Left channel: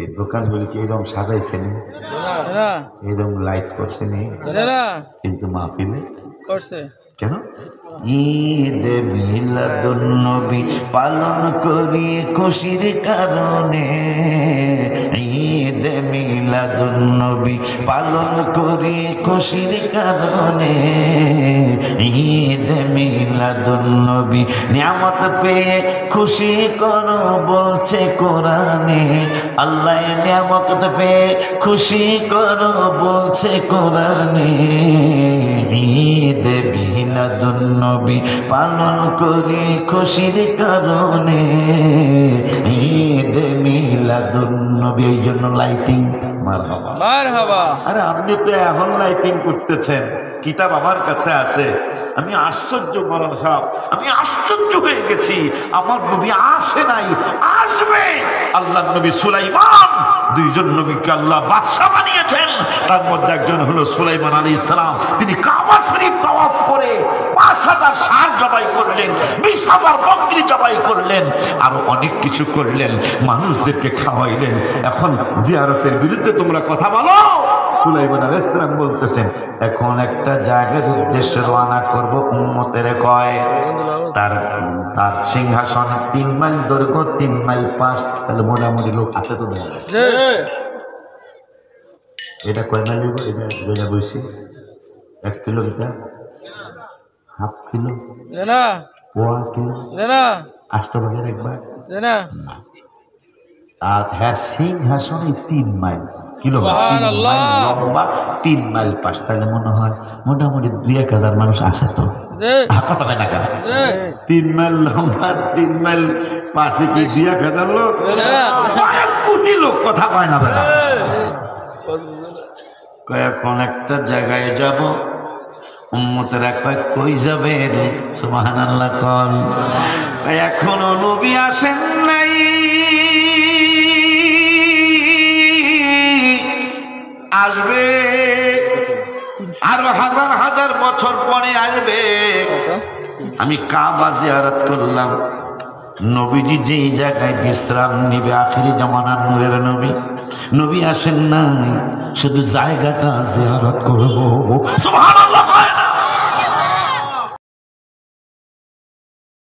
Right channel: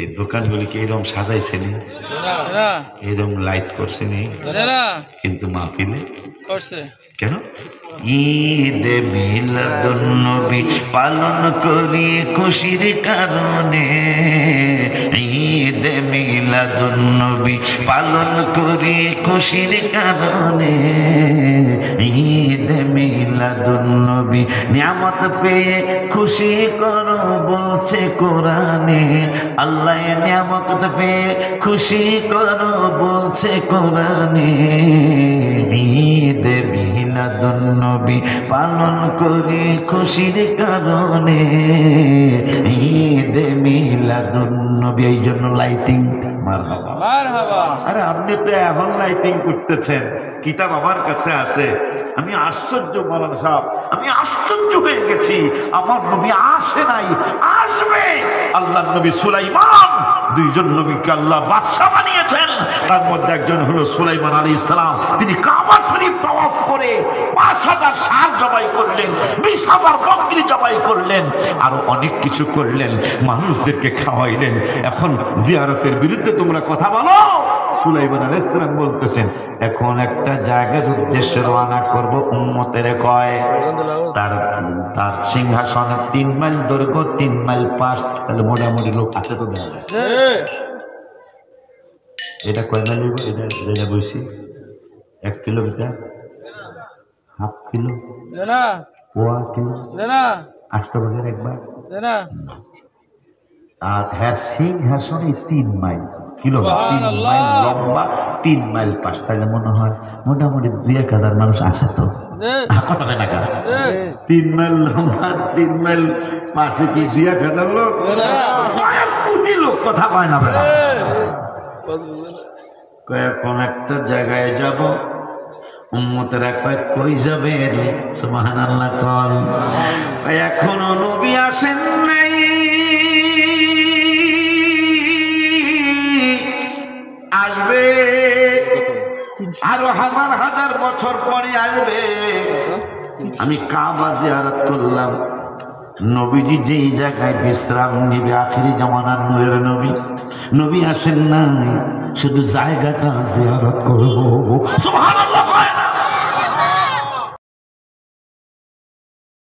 এই দোকানগুলিকে এরকম সাজাইছেন, এরকম লাইট করছেন, কিন্তু মাহফিলে করছে কেন? ঈদে মিলাদুন্নবী পালন করি খুশির কারণে, ঈদে মিলাদুন্নবী পালন করি খুশির কারণে, ঈদে মিলাদুন্নবী নিয়ামত পেয়ে খুশি করো বলছে কোরআনে, আল্লাহ নিয়ামত পেয়ে খুশি করো বলছে কোরআনে, ঈদে মিলাদুন্নবী পালন করি খুশির কারণে, ঈদে মিলাদুন্নবী। এই জন্য লাইটিং। মারহাবা মারহাবা। আরে আপনি তো এখন লাইটিং করতেছেন, কিতাব আমার কাছে আছে। আমি আশ্চর্য মারান সাহেব, আমি আশ্চর্য হয়ে গেছি। আমার নবী আসে নাই, আসবে। আল্লাহ নবী সুলাইমান, দুইজন নবীকে আল্লাহ বাদশা বানিয়েছেন। তার মধ্যে একজন হলো সুলাইমান আলাইহিস সালাম। তিনি কাবা শরীফ তাওয়াফ করে ৫,০০০ ষাঁড় জবাই করলেন, ২০,০০০ বকরি জবাই করলেন, আরো অনেক কিছু করলেন, মানুষদেরকে খাওয়াইলেন। এখন জিয়ারতের বিরুদ্ধে তোমরা কথা বলো। সুলাইমান আলাইহিস সালাম বলতেছেন, এখন একটা জায়গার উদ্দেশ্যে রওনা করব, উম্মতের কয় তার তার সিংহাসনে ৩ মাইল দৈর্ঘ্য, ৩ মাইল পাশ, তাহলে মোটামুটি লোক আছে তো দেখা যায়। এটা কয় মাইল? এটা যেটা বলছি 1 কিলোমিটার, হাফ কিলো, পোয়া কিলো, 8 ভাগের একবার। আর হ্যাঁ, সিংহাসনে 3 মাইল লম্বা, 3 মাইল পাশ, তাহলে মনে হয় মোটামুটি 2-1,000 মানুষ আসে তো। কথা হয় না কেন? 3 মাইল লম্বা, 3 মাইল পাশে কি 2-1,000 লোক? কোটি লোক। কথা হয় না? এখন একটা জায়গায় যাব, উম্মতের একবার কই যাবে? সুবহানাল্লাহ কল। এখনো নবী আসেন নাই, আসবে, আরো হাজার হাজার বছর পরে আসবে। আমি কাবা জিয়ারত করলাম, নবীজি যেই জায়গায় বিশ্রাম নিবে, আখিরি জামানার নূরের নবী, নবী আসেন নাই, শুধু জায়গাটা জিয়ারত করব। সুবহানাল্লাহ।